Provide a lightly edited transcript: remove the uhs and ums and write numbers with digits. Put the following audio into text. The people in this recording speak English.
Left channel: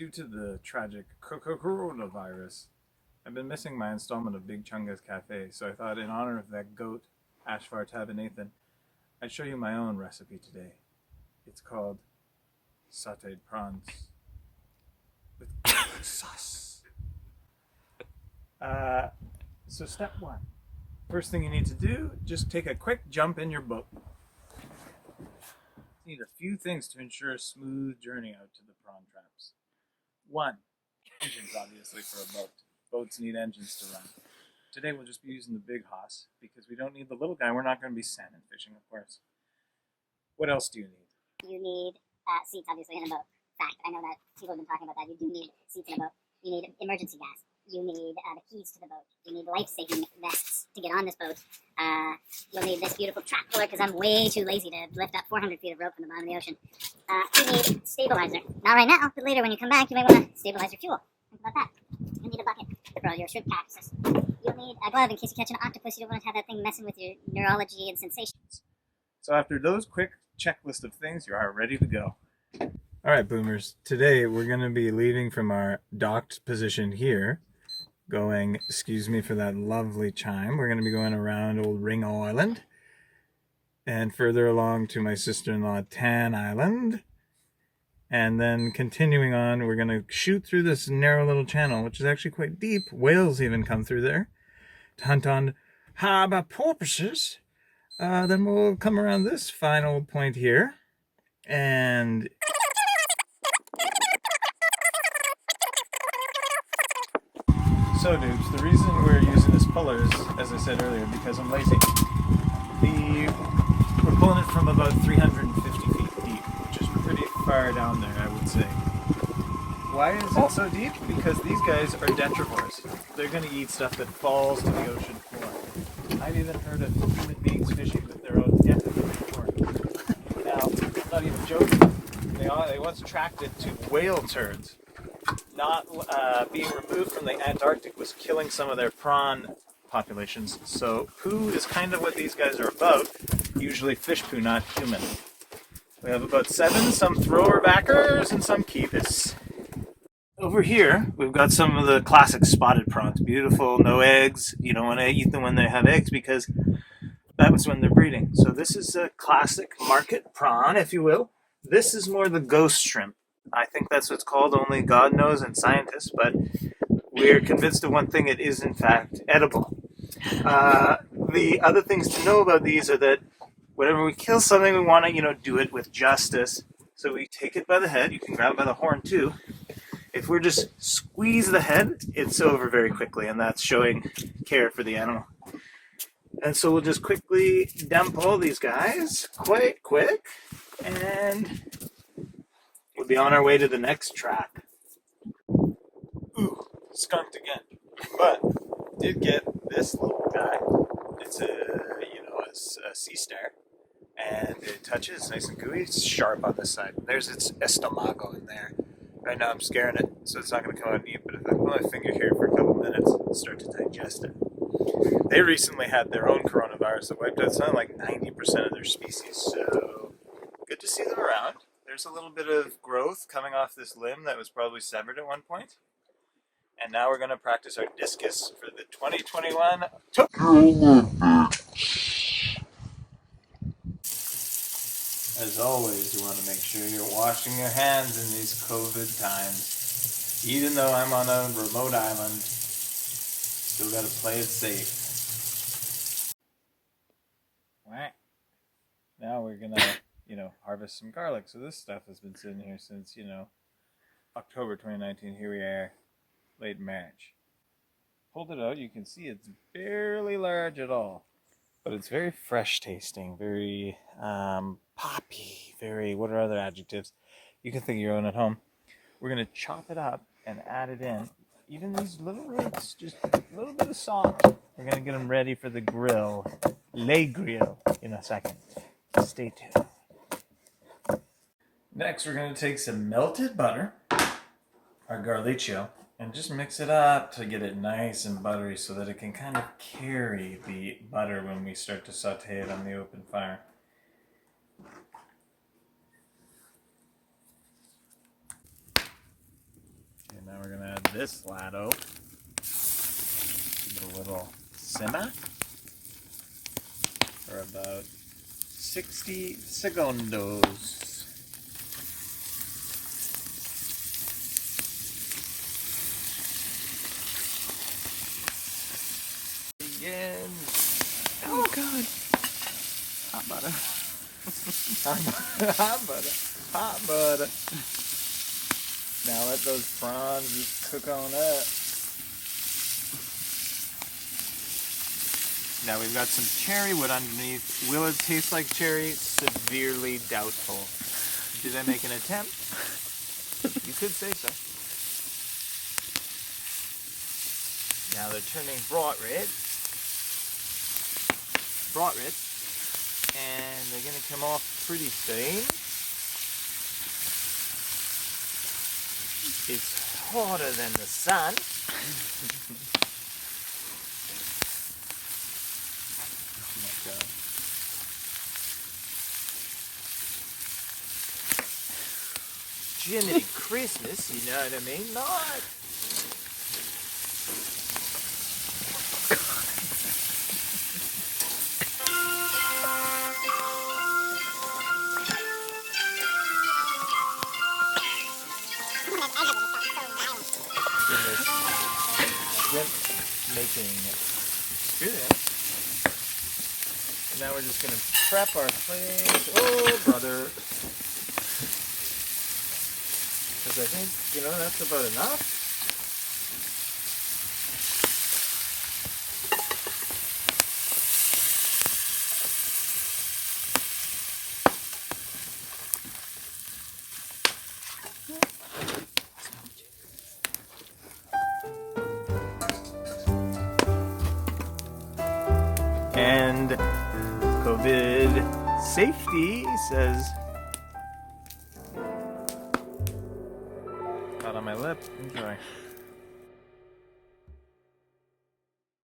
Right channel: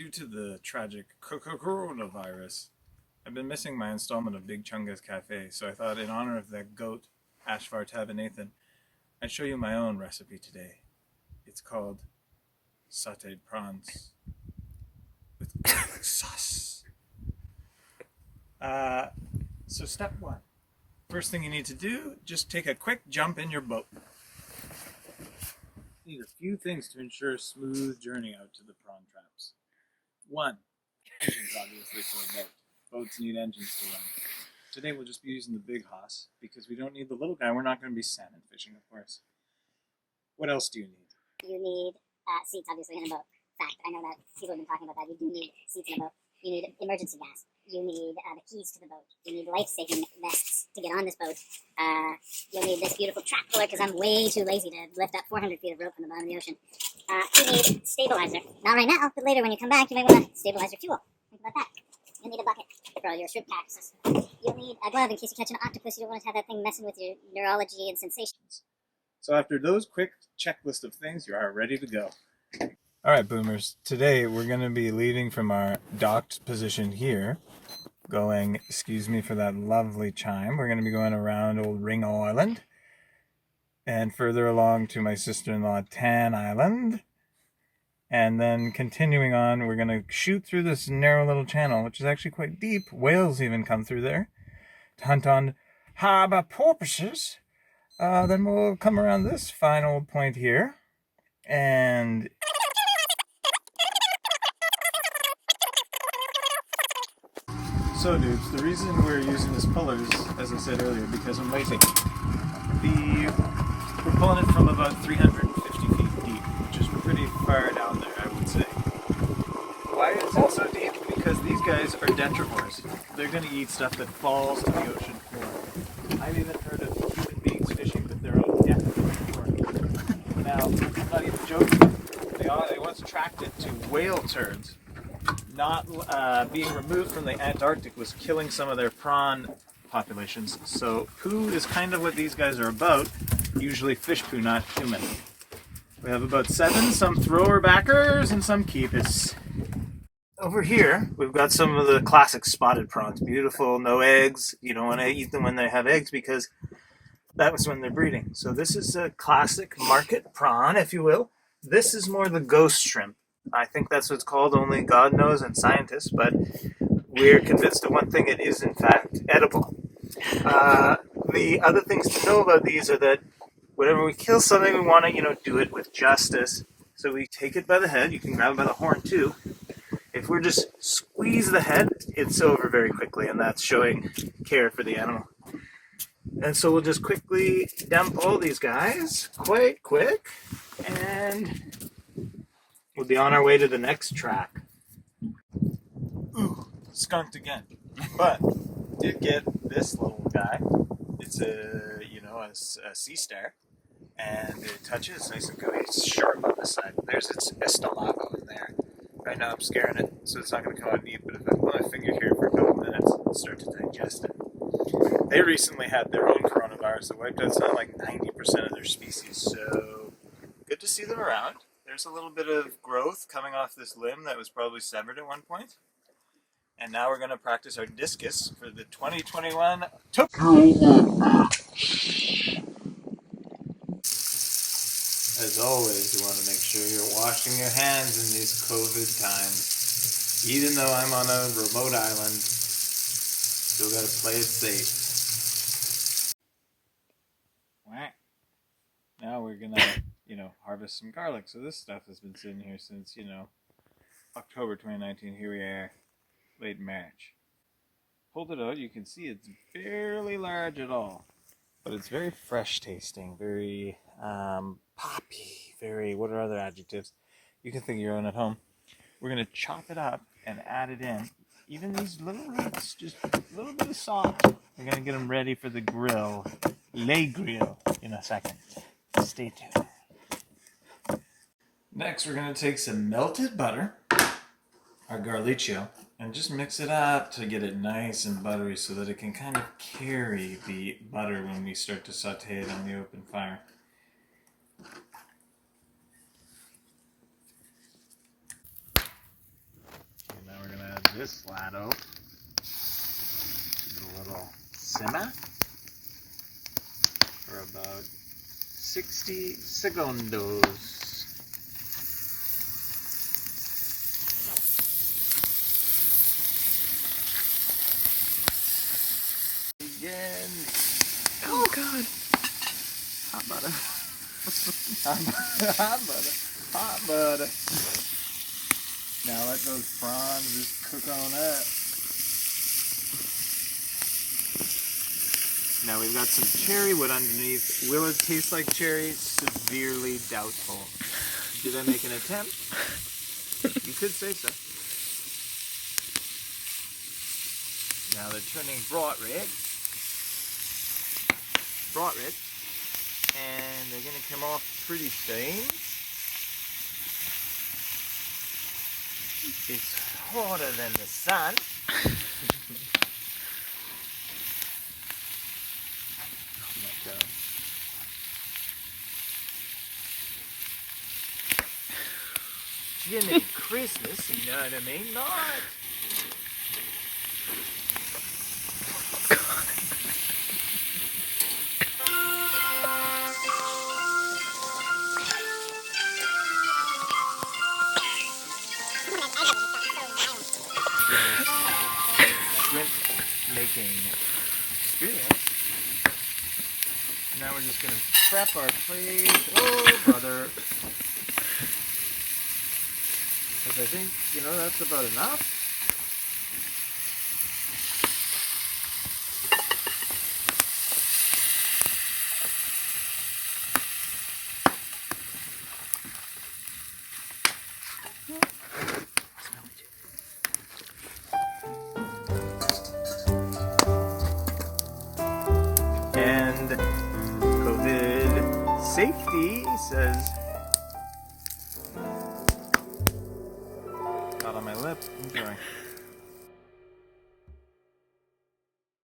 Due to the tragic coronavirus, I've been missing my installment of Big Chunga's Cafe, so I thought in honor of that goat, Ashvar Tabernathan, I'd show you my own recipe today. It's called sauteed prawns with sauce. So step one. First thing you need to do, just take a quick jump in your boat. You need a few things to ensure a smooth journey out to the prawn traps. One, engines obviously for a boat. Boats need engines to run. Today we'll just be using the big hoss because we don't need the little guy. We're not going to be salmon fishing, of course. What else do you need? You need seats, obviously, in a boat. Fact, I know that people have been talking about that. You do need seats in a boat. You need emergency gas. You need the keys to the boat. You need life-saving vests to get on this boat. You'll need this beautiful trap puller because I'm way too lazy to lift up 400 feet of rope from the bottom of the ocean. You need stabilizer. Not right now, but later when you come back, you may want to stabilize your fuel. Think about that. You'll need a bucket for all your shrimp cactuses. You'll need a glove in case you catch an octopus. You don't want to have that thing messing with your neurology and sensations. So after those quick checklist of things, you are ready to go. All right, boomers. Today we're going to be leaving from our docked position here, going, excuse me for that lovely chime, we're going to be going around Old Ring Island and further along to my sister-in-law Tan Island. And then continuing on, we're going to shoot through this narrow little channel, which is actually quite deep. Whales even come through there to hunt on harbour porpoises. Then we'll come around this final point here. And so, dudes, the reason we're using this puller is, as I said earlier, because I'm lazy. We're pulling it from about 350 feet deep, which is pretty far down there, I would say. Why is it so deep? Because these guys are detrivores. They're going to eat stuff that falls to the ocean floor. I've even heard of human beings fishing with their own death before. Now, I'm not even joking. They once tracked it to whale turds. Not being removed from the Antarctic was killing some of their prawn populations. So poo is kind of what these guys are about. Usually fish poo, not human. We have about 7, some thrower backers and some keepers. Over here, we've got some of the classic spotted prawns. Beautiful, no eggs. You don't want to eat them when they have eggs because that was when they're breeding. So this is a classic market prawn, if you will. This is more the ghost shrimp. I think that's what it's called, only God knows and scientists, but we're convinced of one thing, it is in fact edible. The other things to know about these are that whenever we kill something, we want to, do it with justice. So we take it by the head, you can grab it by the horn too. If we're just squeeze the head, it's over very quickly, and that's showing care for the animal. And so we'll just quickly dump all these guys, quite quick, and we'll be on our way to the next trap. Ooh, skunked again. But did get this little guy. It's a sea star, and it touches nice and gooey. It's sharp on the side. There's its estomago in there. Right now I'm scaring it, so it's not going to come out deep. But if I put my finger here for a couple minutes, it'll start to digest it. They recently had their own coronavirus that wiped out something like 90% of their species. So good to see them around. There's a little bit of growth coming off this limb that was probably severed at one point. And now we're going to practice our discus for the 2021 As always, you want to make sure you're washing your hands in these COVID times. Even though I'm on a remote island, still got to play it safe. Now we're going to, harvest some garlic. So this stuff has been sitting here since, October 2019. Here we are, late March. Pulled it out, you can see it's barely large at all. But it's very fresh tasting, very poppy, very, what are other adjectives? You can think of your own at home. We're going to chop it up and add it in. Even these little roots, just a little bit of salt. We're going to get them ready for the grill, le grill, in a second. Stay tuned. Next, we're going to take some melted butter, our garliccio, and just mix it up to get it nice and buttery so that it can kind of carry the butter when we start to saute it on the open fire. this lado. A little simmer for about 60 segundos. Again. Oh God. Hot butter. Hot butter. Hot butter. Now let those prawns just cook on up. Now we've got some cherry wood underneath. Will it taste like cherry? Severely doubtful. Did I make an attempt? You could say so. Now they're turning bright red. Bright red. And they're going to come off pretty soon. It's hotter than the sun. Jiminy Christmas, you know what I mean? Not. Shrimp making experience. Now we're just going to prep our plates. Oh, brother. Because I think, that's about enough. And COVID safety says, not on my lip, enjoy.